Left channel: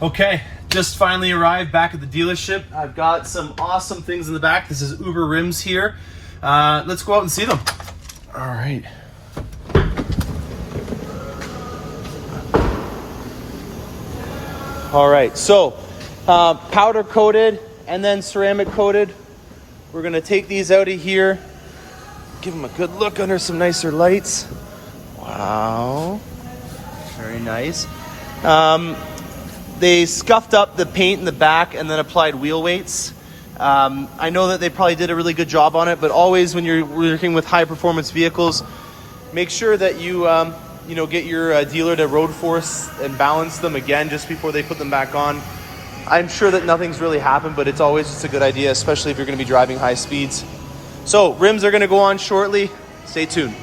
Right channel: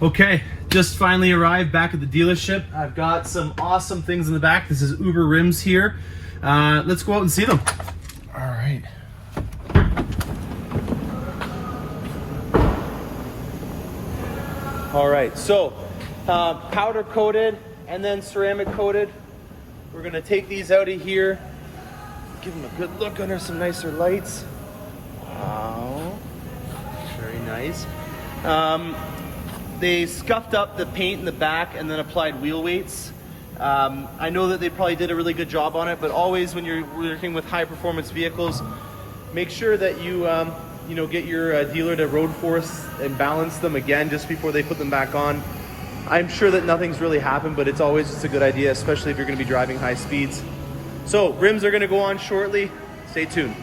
Okay, just finally arrived back at the dealership. I've got some awesome things in the back. This is Uber rims here. Let's go out and see them. All right. All right, so powder coated and then ceramic coated. We're gonna take these out of here, give them a good look under some nicer lights. Wow, very nice. They scuffed up the paint in the back and then applied wheel weights. I know that they probably did a really good job on it, but always when you're working with high performance vehicles, make sure that you get your dealer to road force and balance them again just before they put them back on. I'm sure that nothing's really happened, but it's always just a good idea, especially if you're gonna be driving high speeds. So rims are gonna go on shortly. Stay tuned.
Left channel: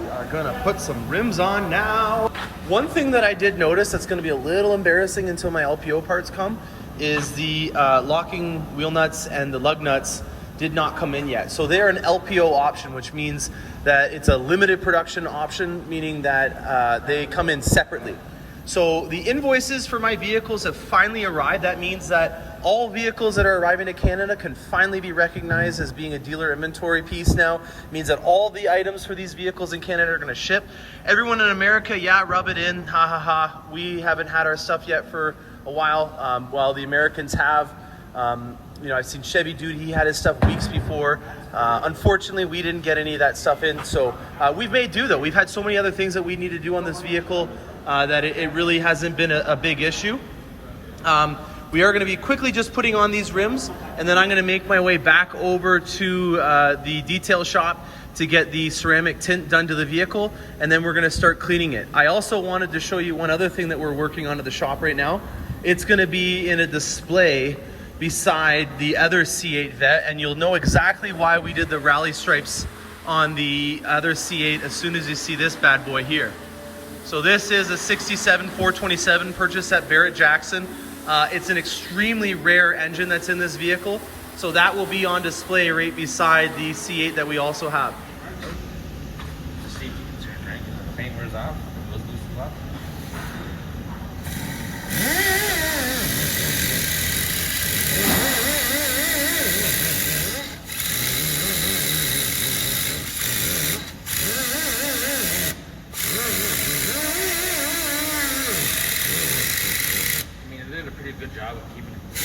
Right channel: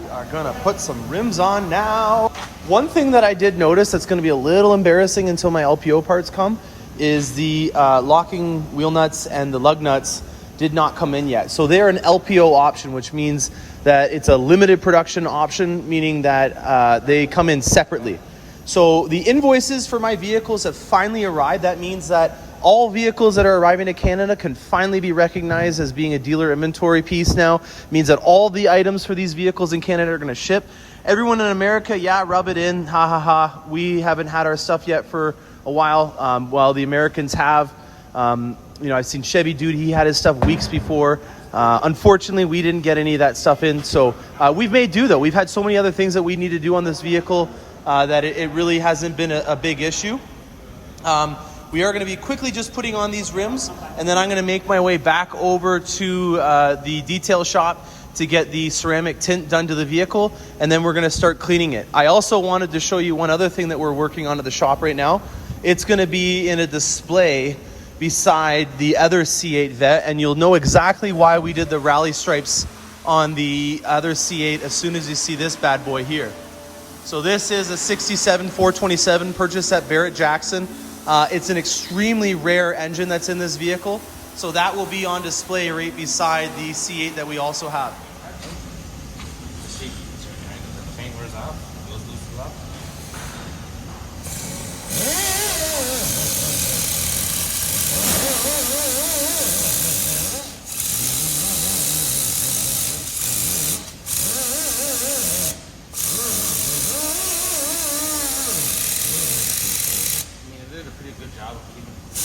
We are gonna put some rims on now. One thing that I did notice that's gonna be a little embarrassing until my LPO parts come is the locking wheel nuts and the lug nuts did not come in yet. So they're an LPO option, which means that it's a limited production option, meaning that they come in separately. So the invoices for my vehicles have finally arrived. That means that all vehicles that are arriving to Canada can finally be recognized as being a dealer inventory piece now. It means that all the items for these vehicles in Canada are gonna ship. Everyone in America, yeah, rub it in, ha ha ha. We haven't had our stuff yet for a while, while the Americans have. I've seen Chevy Dude, he had his stuff weeks before. Unfortunately, we didn't get any of that stuff in, so we've made do though. We've had so many other things that we need to do on this vehicle that it really hasn't been a big issue. We are going to be quickly just putting on these rims, and then I'm going to make my way back over to the detail shop to get the ceramic tint done to the vehicle, and then we're going to start cleaning it. I also wanted to show you one other thing that we're working on at the shop right now. It's going to be in a display beside the other C8 Vet, and you'll know exactly why we did the rally stripes on the other C8 as soon as you see this bad boy here. So this is a 67 427 purchased at Barrett-Jackson. It's an extremely rare engine that's in this vehicle, so that will be on display right beside the C8 that we also have. The paint wears off, those loosen up. A pretty good job of keeping it clean.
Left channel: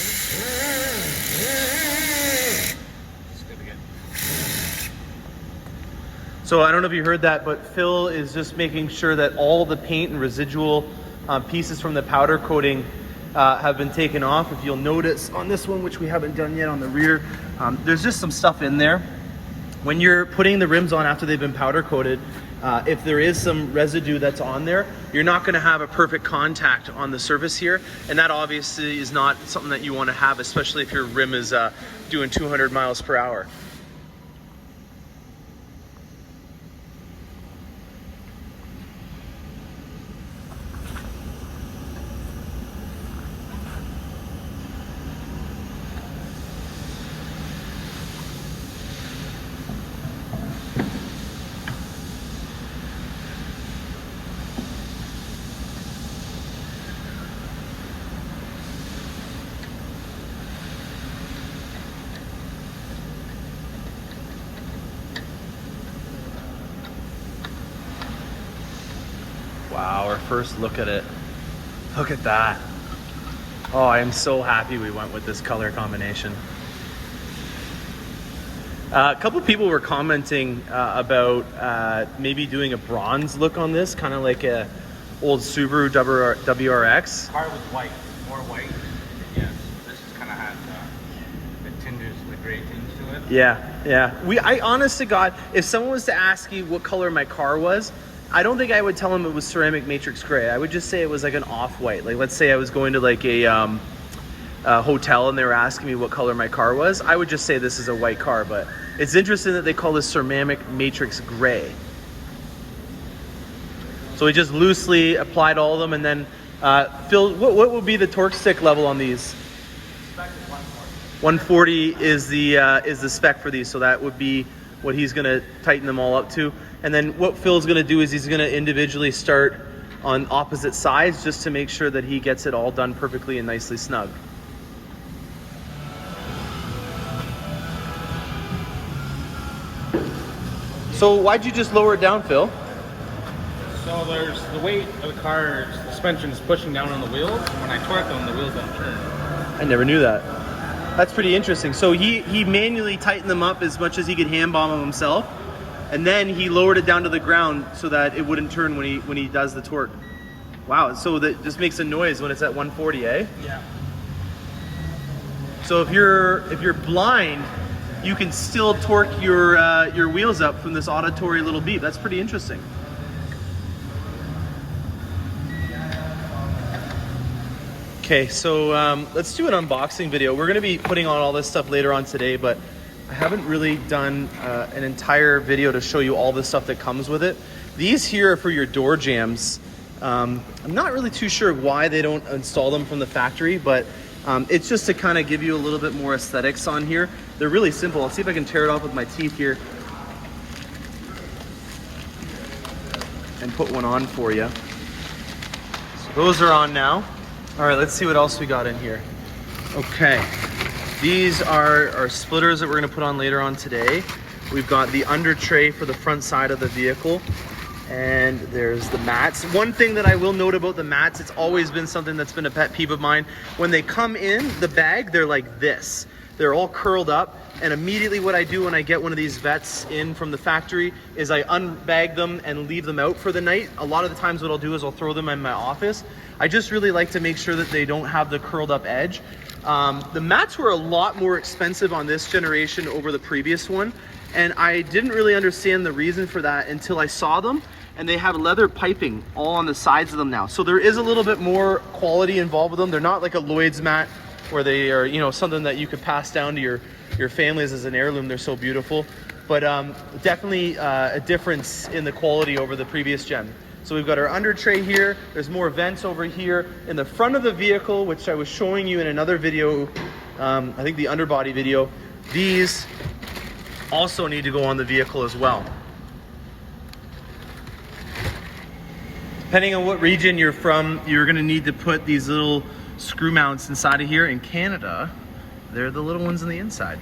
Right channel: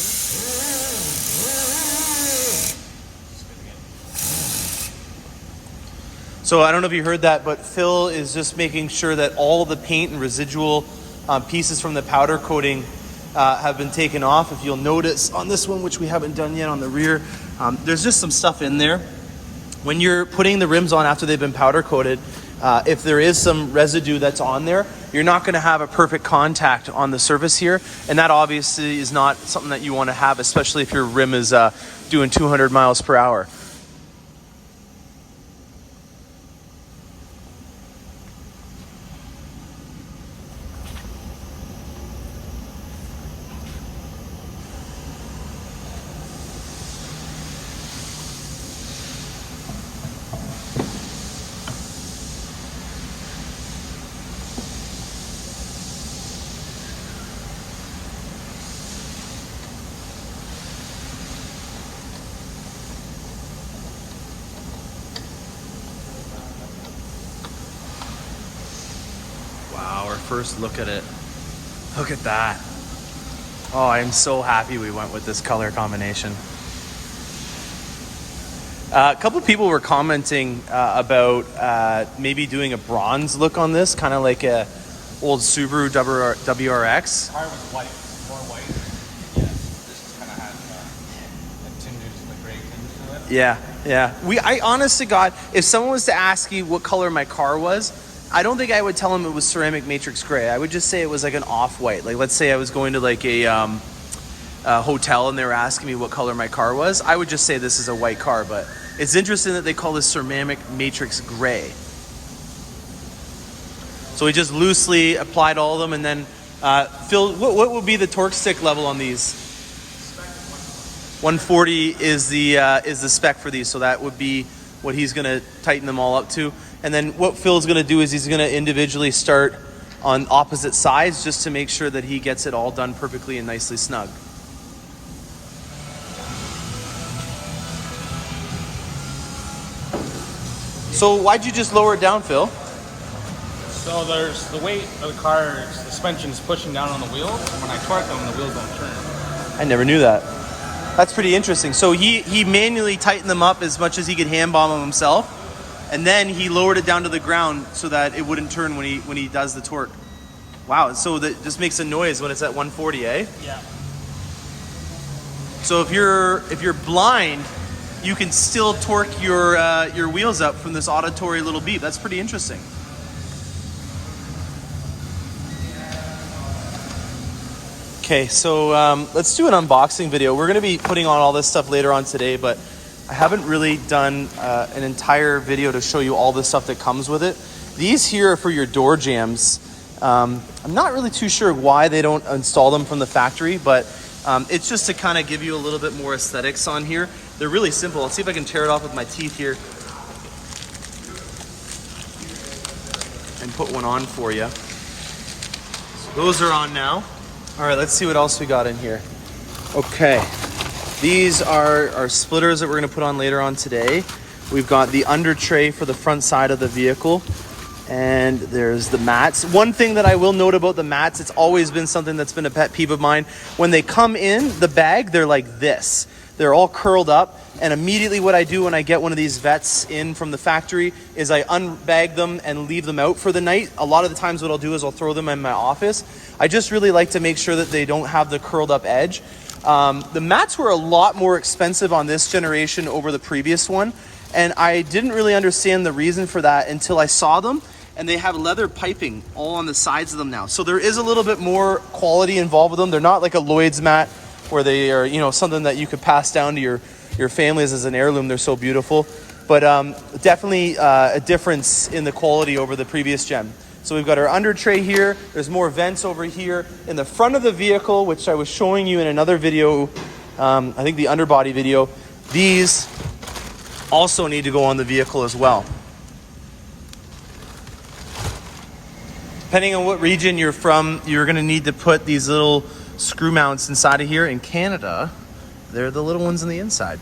Just good again. So I don't know if you heard that, but Phil is just making sure that all the paint and residual pieces from the powder coating have been taken off. If you'll notice on this one, which we haven't done yet on the rear, there's just some stuff in there. When you're putting the rims on after they've been powder coated, if there is some residue that's on there, you're not going to have a perfect contact on the surface here, and that obviously is not something that you want to have, especially if your rim is doing 200 miles per hour. Wow, our first look at it. Look at that. Oh, I am so happy we went with this color combination. A couple of people were commenting about maybe doing a bronze look on this, kind of like a old Subaru WRX. The car was white, more white. Yes, this is kind of has a tinge, the gray tinge to it. Yeah. I honest to God, if someone was to ask you what color my car was, I don't think I would tell them it was ceramic matrix gray. I would just say it was like an off-white. Like, let's say I was going to like a hotel and they were asking me what color my car was. I would just say this is a white car, but it's interesting that they call this ceramic matrix gray. So we just loosely applied all of them, and then Phil, what would be the torque stick level on these? 140 is the spec for these, so that would be what he's gonna tighten them all up to. And then what Phil's gonna do is he's gonna individually start on opposite sides just to make sure that he gets it all done perfectly and nicely snug. So why'd you just lower it down, Phil? So there's the weight of the car, the suspension's pushing down on the wheels, and when I torque them, the wheels don't turn. I never knew that. That's pretty interesting. So he manually tightened them up as much as he could hand bomb them himself, and then he lowered it down to the ground so that it wouldn't turn when he does the torque. Wow, so that this makes a noise when it's at 140, eh? Yeah. So if you're blind, you can still torque your wheels up from this auditory little beep. That's pretty interesting. Okay, so let's do an unboxing video. We're gonna be putting on all this stuff later on today, but I haven't really done an entire video to show you all the stuff that comes with it. These here are for your door jambs. I'm not really too sure why they don't install them from the factory, but it's just to kind of give you a little bit more aesthetics on here. They're really simple. I'll see if I can tear it off with my teeth here and put one on for you. So those are on now. All right, let's see what else we got in here. Okay, these are our splitters that we're gonna put on later on today. We've got the under tray for the front side of the vehicle, and there's the mats. One thing that I will note about the mats, it's always been something that's been a pet peeve of mine. When they come in the bag, they're like this. They're all curled up, and immediately what I do when I get one of these Vettes in from the factory is I unbag them and leave them out for the night. A lot of the times what I'll do is I'll throw them in my office. I just really like to make sure that they don't have the curled up edge. The mats were a lot more expensive on this generation over the previous one, and I didn't really understand the reason for that until I saw them, and they have leather piping all on the sides of them now. So there is a little bit more quality involved with them. They're not like a Lloyd's mat where they are, you know, something that you could pass down to your families as an heirloom. They're so beautiful, but definitely a difference in the quality over the previous gen. So we've got our under tray here. There's more vents over here in the front of the vehicle, which I was showing you in another video. I think the underbody video. These also need to go on the vehicle as well. Depending on what region you're from, you're gonna need to put these little screw mounts inside of here. In Canada, they're the little ones on the inside.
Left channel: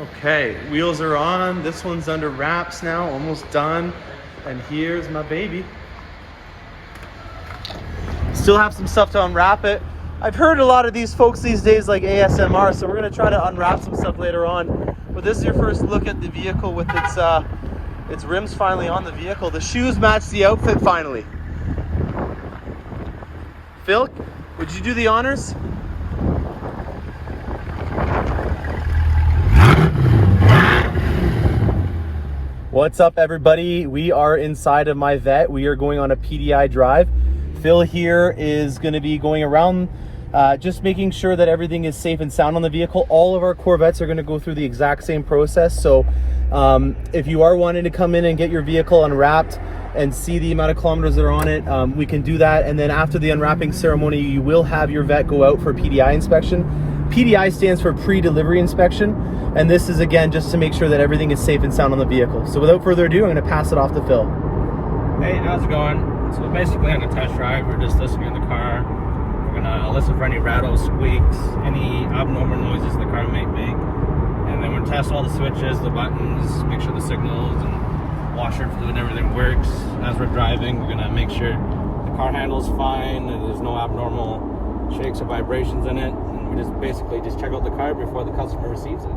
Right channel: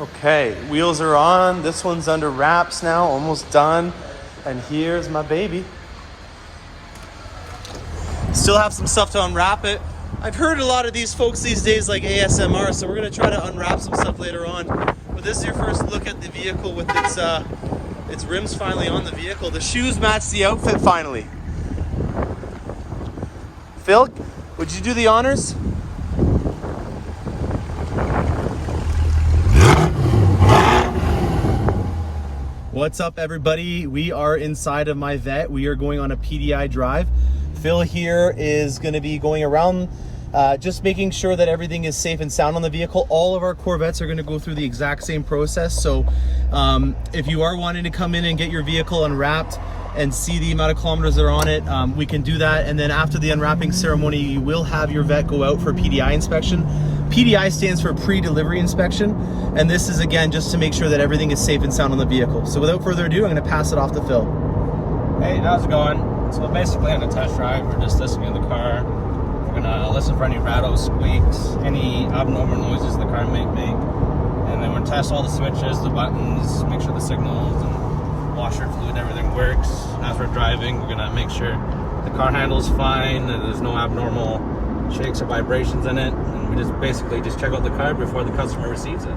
Okay, wheels are on. This one's under wraps now, almost done. And here's my baby. Still have some stuff to unwrap it. I've heard a lot of these folks these days like ASMR, so we're gonna try to unwrap some stuff later on. But this is your first look at the vehicle with its rims finally on the vehicle. The shoes match the outfit finally. Phil, would you do the honors? What's up, everybody? We are inside of my Vette. We are going on a PDI drive. Phil here is going to be going around just making sure that everything is safe and sound on the vehicle. All of our Corvettes are going to go through the exact same process. So if you are wanting to come in and get your vehicle unwrapped and see the amount of kilometers that are on it, we can do that. And then after the unwrapping ceremony, you will have your Vette go out for PDI inspection. PDI stands for pre-delivery inspection, and this is again just to make sure that everything is safe and sound on the vehicle. So without further ado, I'm going to pass it off to Phil. Hey, how's it going? So basically on the test drive, we're just listening to the car. We're gonna listen for any rattles, squeaks, any abnormal noises the car might make, and then we're gonna test all the switches, the buttons, make sure the signals and washer fluid and everything works. As we're driving, we're gonna make sure the car handle's fine, that there's no abnormal shakes or vibrations in it, and we just basically just check out the car before the customer receives it.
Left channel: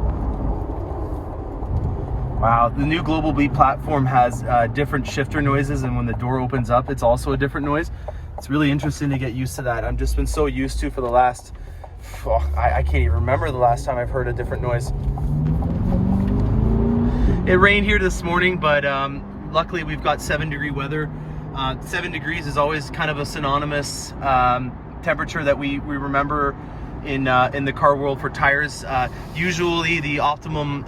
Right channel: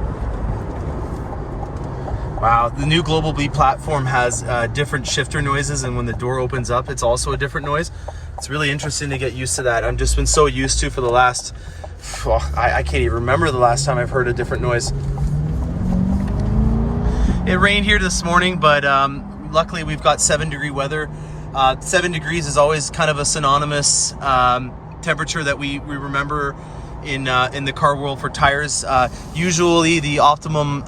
Wow, the new Global B platform has different shifter noises, and when the door opens up, it's also a different noise. It's really interesting to get used to that. I've just been so used to for the last, I can't even remember the last time I've heard a different noise. It rained here this morning, but luckily we've got 7-degree weather. 7 degrees is always kind of a synonymous temperature that we remember in the car world for tires. Usually the optimum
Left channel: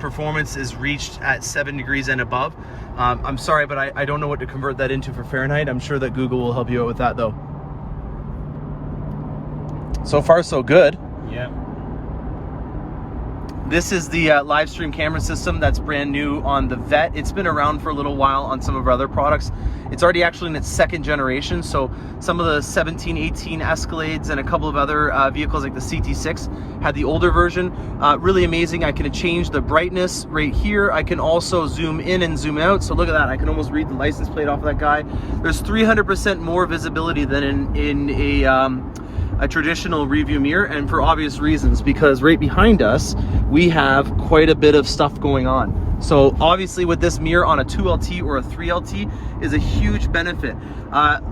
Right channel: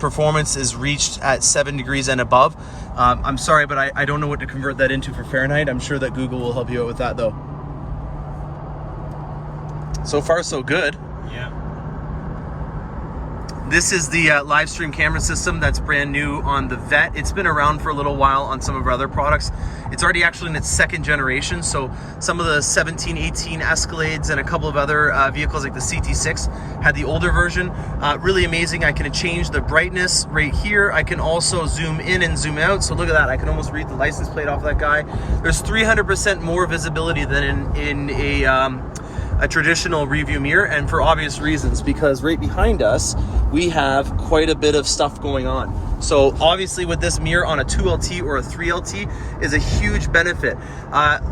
performance is reached at 7 degrees and above. I'm sorry, but I don't know what to convert that into for Fahrenheit. I'm sure that Google will help you out with that though. So far so good. Yeah. This is the live stream camera system that's brand new on the Vette. It's been around for a little while on some of our other products. It's already actually in its second generation, so some of the 17, 18 Escalades and a couple of other vehicles like the CT6 had the older version. Really amazing. I can change the brightness right here. I can also zoom in and zoom out. So look at that. I can almost read the license plate off of that guy. There's 300% more visibility than in a traditional review mirror, and for obvious reasons, because right behind us we have quite a bit of stuff going on. So obviously with this mirror on a 2LT or a 3LT is a huge benefit.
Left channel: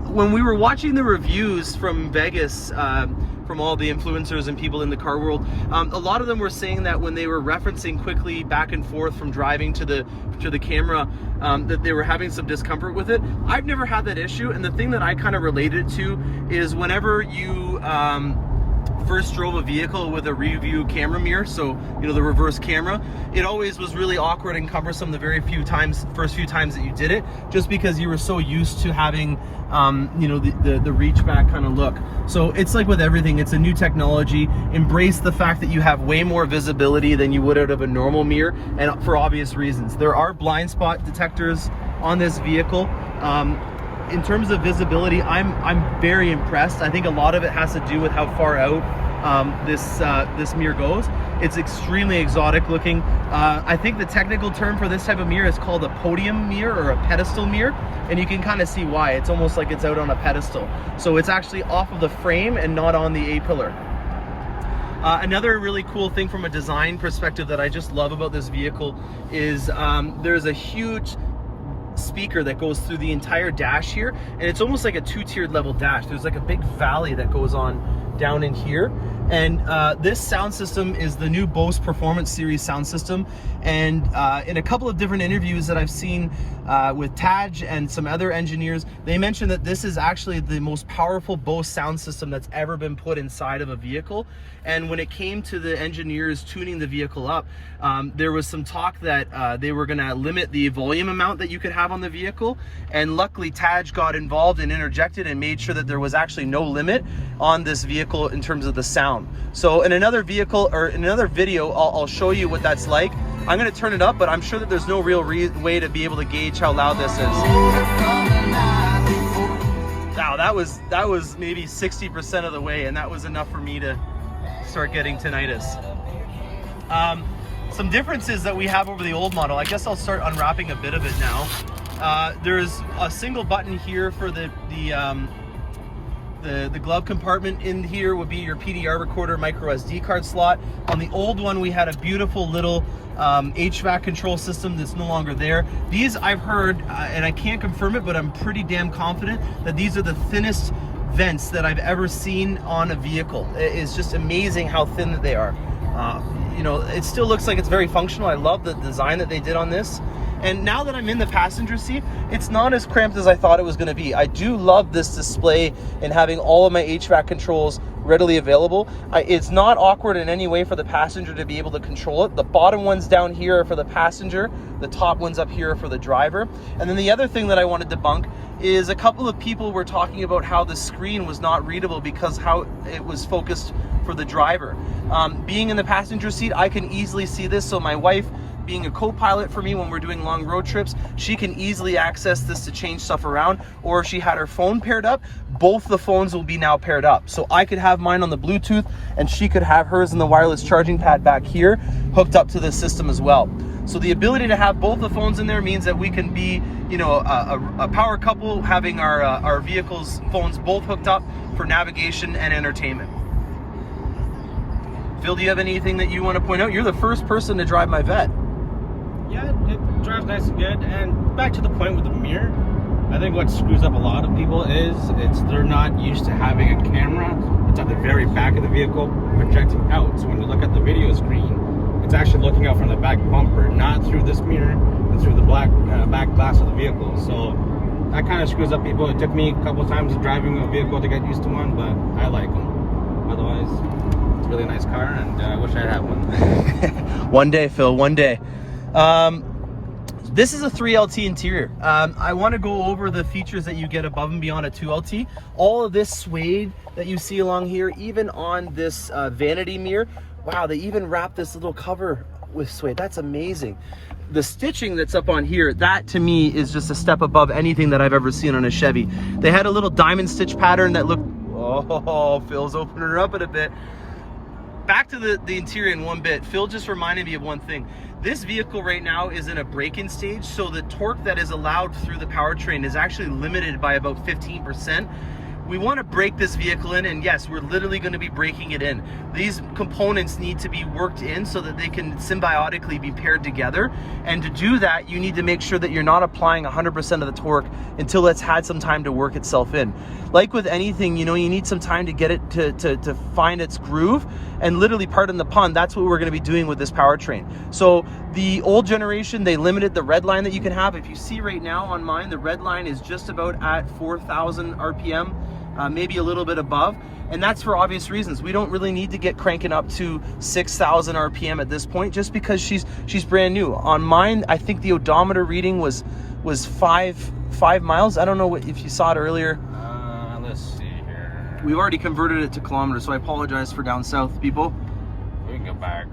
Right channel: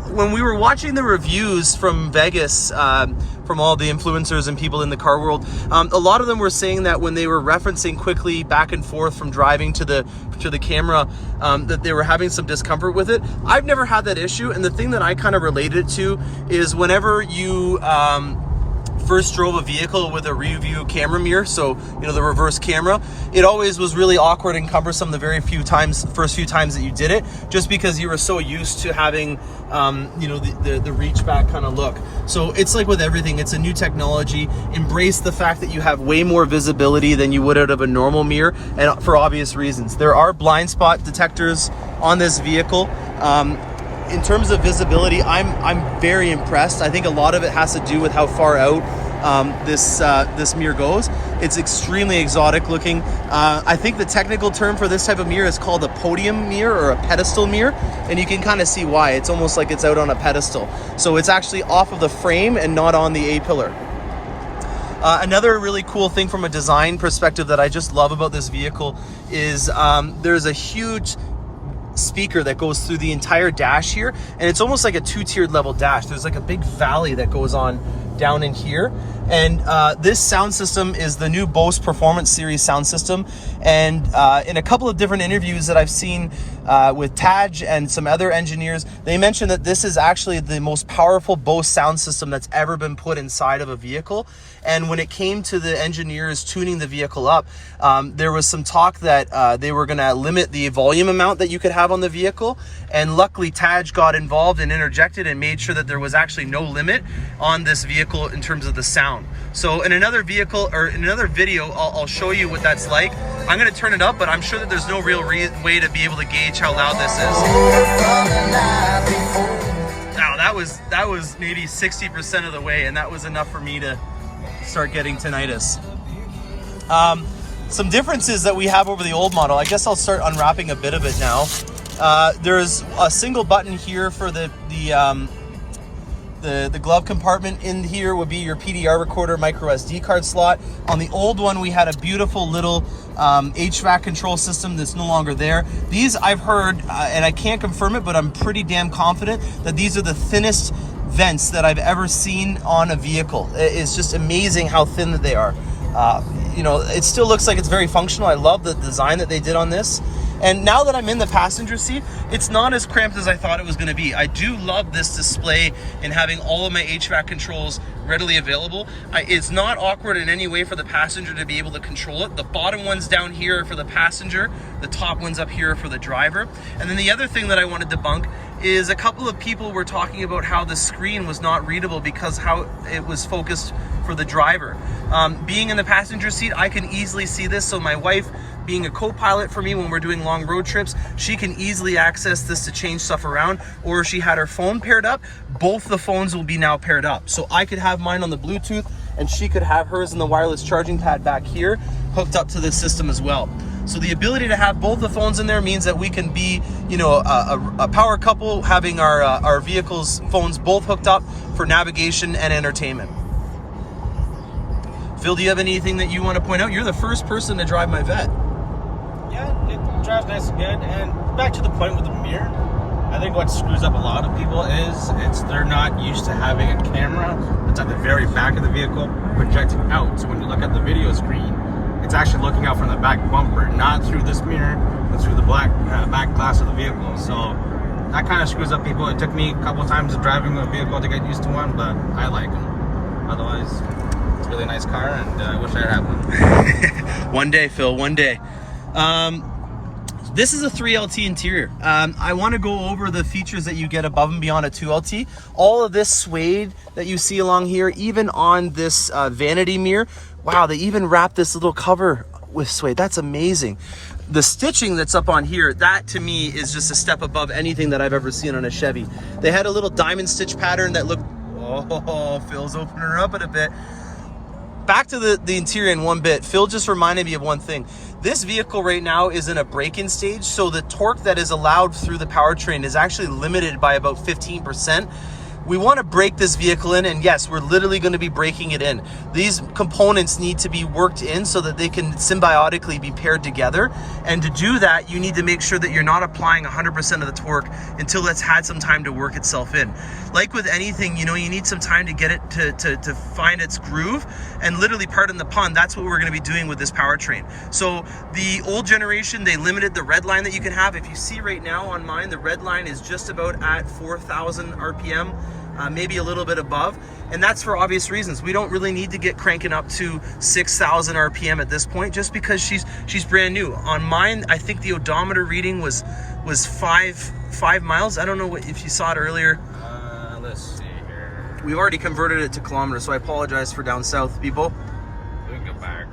When we were watching the reviews from Vegas, from all the influencers and people in the car world, a lot of them were saying that when they were referencing quickly back and forth from driving to the camera, that they were having some discomfort with it. I've never had that issue, and the thing that I kind of related to is whenever you first drove a vehicle with a review camera mirror, so you know, the reverse camera, it always was really awkward and cumbersome the first few times that you did it, just because you were so used to having you know, the reach back kind of look. So it's like with everything, it's a new technology. Embrace the fact that you have way more visibility than you would out of a normal mirror, and for obvious reasons. There are blind spot detectors on this vehicle. In terms of visibility, I'm very impressed. I think a lot of it has to do with how far out this mirror goes. It's extremely exotic looking. I think the technical term for this type of mirror is called a podium mirror or a pedestal mirror, and you can kind of see why. It's almost like it's out on a pedestal. So it's actually off of the frame and not on the A-pillar. Another really cool thing from a design perspective that I just love about this vehicle is there's a huge speaker that goes through the entire dash here, and it's almost like a two-tiered level dash. There's like a big valley that goes on down in here, and this sound system is the new Bose Performance Series sound system. And in a couple of different interviews that I've seen with Taj and some other engineers, they mentioned that this is actually the most powerful Bose sound system that's ever been put inside of a vehicle. And when it came to the engineers tuning the vehicle up, there was some talk that they were going to limit the volume amount that you could have on the vehicle, and luckily Taj got involved and interjected and made sure that there was actually no limit on this vehicle in terms of the sound. So in another vehicle, or in another video, I'll show you what that's like. I'm going to turn it up, but I'm sure that there's no real way to be able to gauge how loud this is. Now that was maybe 60% of the way, and that was enough for me to start getting tinnitus. Some differences that we have over the old model. I guess I'll start unwrapping a bit of it now. There's a single button here for the glove compartment. In here would be your PDI recorder, micro SD card slot. On the old one, we had a beautiful little HVAC control system that's no longer there. These I've heard, and I can't confirm it, but I'm pretty damn confident that these are the thinnest vents that I've ever seen on a vehicle. It's just amazing how thin that they are. You know, it still looks like it's very functional. I love the design that they did on this. And now that I'm in the passenger seat, it's not as cramped as I thought it was going to be. I do love this display and having all of my HVAC controls readily available. It's not awkward in any way for the passenger to be able to control it. The bottom ones down here are for the passenger. The top ones up here are for the driver. And then the other thing that I want to debunk is a couple of people were talking about how the screen was not readable because how it was focused for the driver. Being in the passenger seat, I can easily see this. So my wife, being a co-pilot for me when we're doing long road trips, she can easily access this to change stuff around. Or if she had her phone paired up, both the phones will be now paired up. So I could have mine on the Bluetooth and she could have hers in the wireless charging pad back here hooked up to this system as well. So the ability to have both the phones in there means that we can be, you know, a power couple, having our vehicles' phones both hooked up for navigation and entertainment. Phil, do you have anything that you want to point out? You're the first person to drive my Vette. Yeah, it drives nice and good. And back to the point with the mirror, I think what screws up a lot of people is they're not used to having a camera that's at the very back of the vehicle projecting out. So when you look at the video screen, it's actually looking out from the back bumper, not through this mirror, but through the back glass of the vehicle. So that kind of screws up people. It took me a couple of times driving a vehicle to get used to one, but I like them. Otherwise, it's a really nice car, and I wish I had one. One day, Phil, one day. This is a 3LT interior. I want to go over the features that you get above and beyond a 2LT. All of this suede that you see along here, even on this vanity mirror, Wow, they even wrapped this little cover with suede. That's amazing. The stitching that's up on here, that to me is just a step above anything that I've ever seen on a Chevy. They had a little diamond stitch pattern that looked, oh, Phil's opening her up in a bit. Back to the interior in one bit. Phil just reminded me of one thing. This vehicle right now is in a break-in stage, so the torque that is allowed through the powertrain is actually limited by about 15%. We want to break this vehicle in, and yes, we're literally going to be breaking it in. These components need to be worked in so that they can symbiotically be paired together. And to do that, you need to make sure that you're not applying 100% of the torque until it's had some time to work itself in. Like with anything, you know, you need some time to get it to find its groove. And literally, pardon the pun, that's what we're going to be doing with this powertrain. So the old generation, they limited the red line that you can have. If you see right now on mine, the red line is just about at 4,000 RPM. Maybe a little bit above, and that's for obvious reasons. We don't really need to get cranking up to 6,000 RPM at this point, just because she's brand new. On mine, I think the odometer reading was 5 miles. I don't know if you saw it earlier. Let's see here. We've already converted it to kilometers, so I apologize for down south people. We can go back.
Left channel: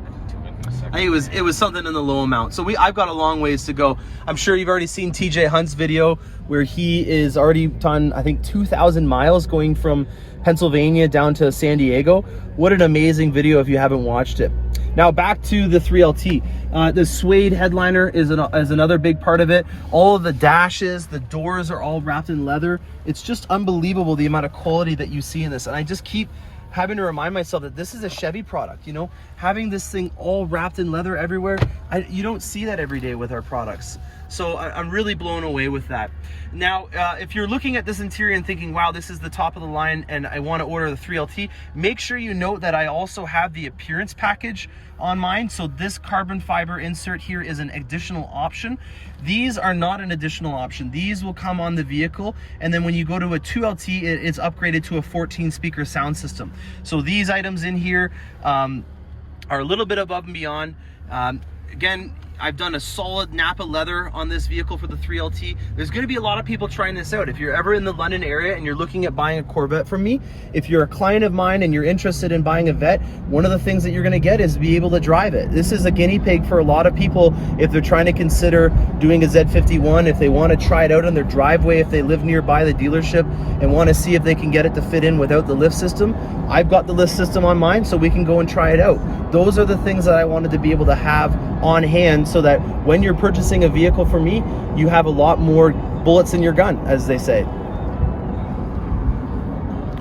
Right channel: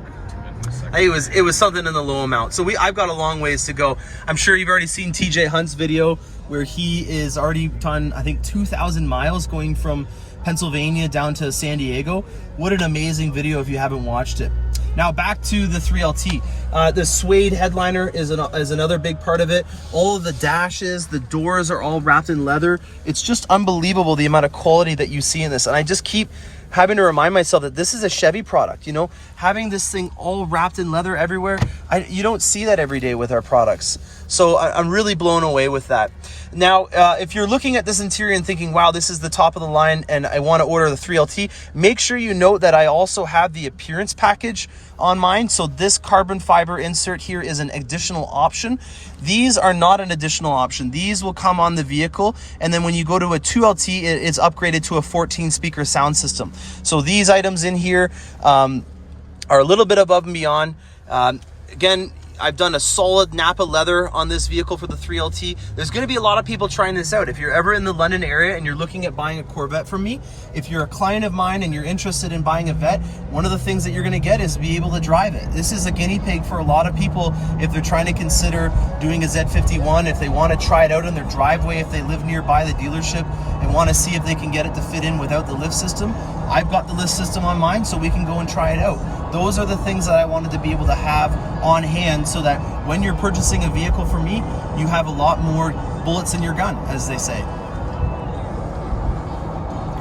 It was something in the low amount. So I've got a long ways to go. I'm sure you've already seen TJ Hunt's video where he is already done, I think, 2,000 miles going from Pennsylvania down to San Diego. What an amazing video if you haven't watched it. Now back to the 3LT. The suede headliner is another big part of it. All of the dashes, the doors are all wrapped in leather. It's just unbelievable the amount of quality that you see in this. And I just keep having to remind myself that this is a Chevy product, you know, having this thing all wrapped in leather everywhere. You don't see that every day with our products. So I'm really blown away with that. Now, if you're looking at this interior and thinking, wow, this is the top of the line and I want to order the 3LT, make sure you note that I also have the appearance package on mine. So this carbon fiber insert here is an additional option. These are not an additional option. These will come on the vehicle. And then when you go to a 2LT, it's upgraded to a 14 speaker sound system. So these items in here are a little bit above and beyond. Again, I've done a solid Napa leather on this vehicle for the 3LT. There's going to be a lot of people trying this out. If you're ever in the London area and you're looking at buying a Corvette from me, if you're a client of mine and you're interested in buying a Vette, one of the things that you're going to get is be able to drive it. This is a guinea pig for a lot of people if they're trying to consider doing a Z51, if they want to try it out in their driveway, if they live nearby the dealership and want to see if they can get it to fit in without the lift system. I've got the lift system on mine, so we can go and try it out. Those are the things that I wanted to be able to have on hand so that when you're purchasing a vehicle from me, you have a lot more bullets in your gun, as they say.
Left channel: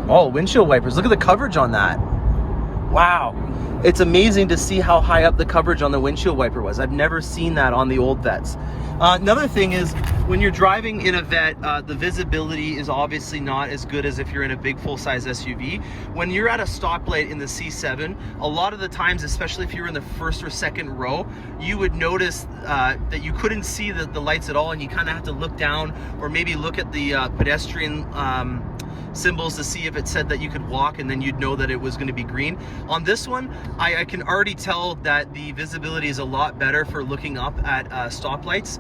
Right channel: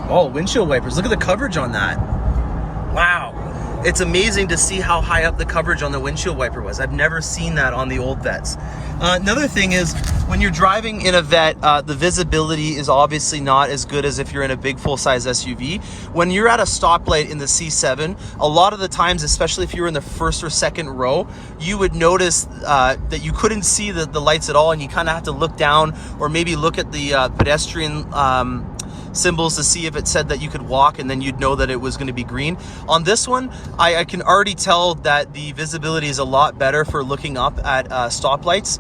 Oh, windshield wipers. Look at the coverage on that. Wow. It's amazing to see how high up the coverage on the windshield wiper was. I've never seen that on the old Vettes. Another thing is, when you're driving in a Vette, the visibility is obviously not as good as if you're in a big full-size SUV. When you're at a stoplight in the C7, a lot of the times, especially if you're in the first or second row, you would notice that you couldn't see the lights at all, and you kind of have to look down or maybe look at the pedestrian symbols to see if it said that you could walk, and then you'd know that it was going to be green. On this one, I can already tell that the visibility is a lot better for looking up at stoplights.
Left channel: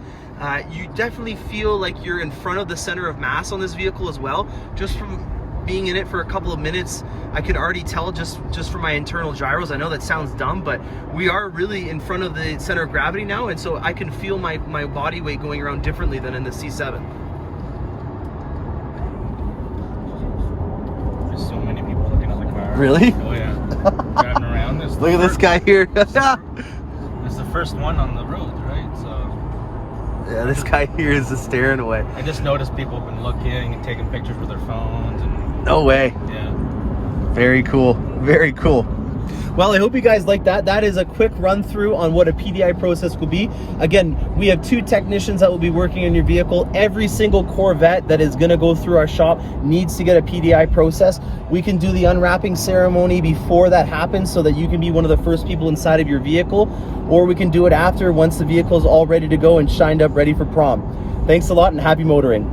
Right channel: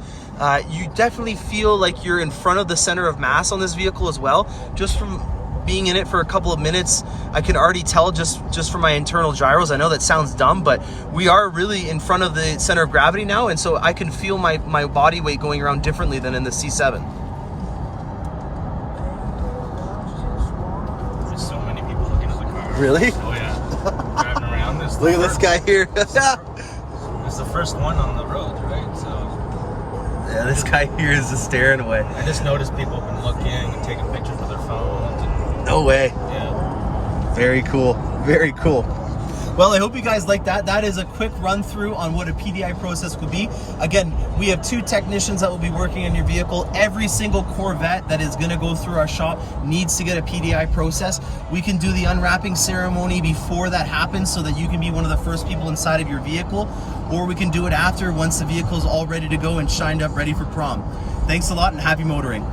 You definitely feel like you're in front of the center of mass on this vehicle as well. Just from being in it for a couple of minutes, I can already tell just from my internal gyros. I know that sounds dumb, but we are really in front of the center of gravity now, and so I can feel my body weight going around differently than in the C7. Really? Oh yeah. Driving around. Look at this guy here. He's the first one on the road, right? So yeah, this guy here is just staring away. I just noticed people have been looking and taking pictures with their phones. And, no way. Yeah. Very cool. Very cool. Well, I hope you guys like that. That is a quick run through on what a PDI process will be. Again, we have 2 technicians that will be working on your vehicle. Every single Corvette that is going to go through our shop needs to get a PDI process. We can do the unwrapping ceremony before that happens so that you can be one of the first people inside of your vehicle, or we can do it after once the vehicle is all ready to go and shined up ready for prom. Thanks a lot and happy motoring.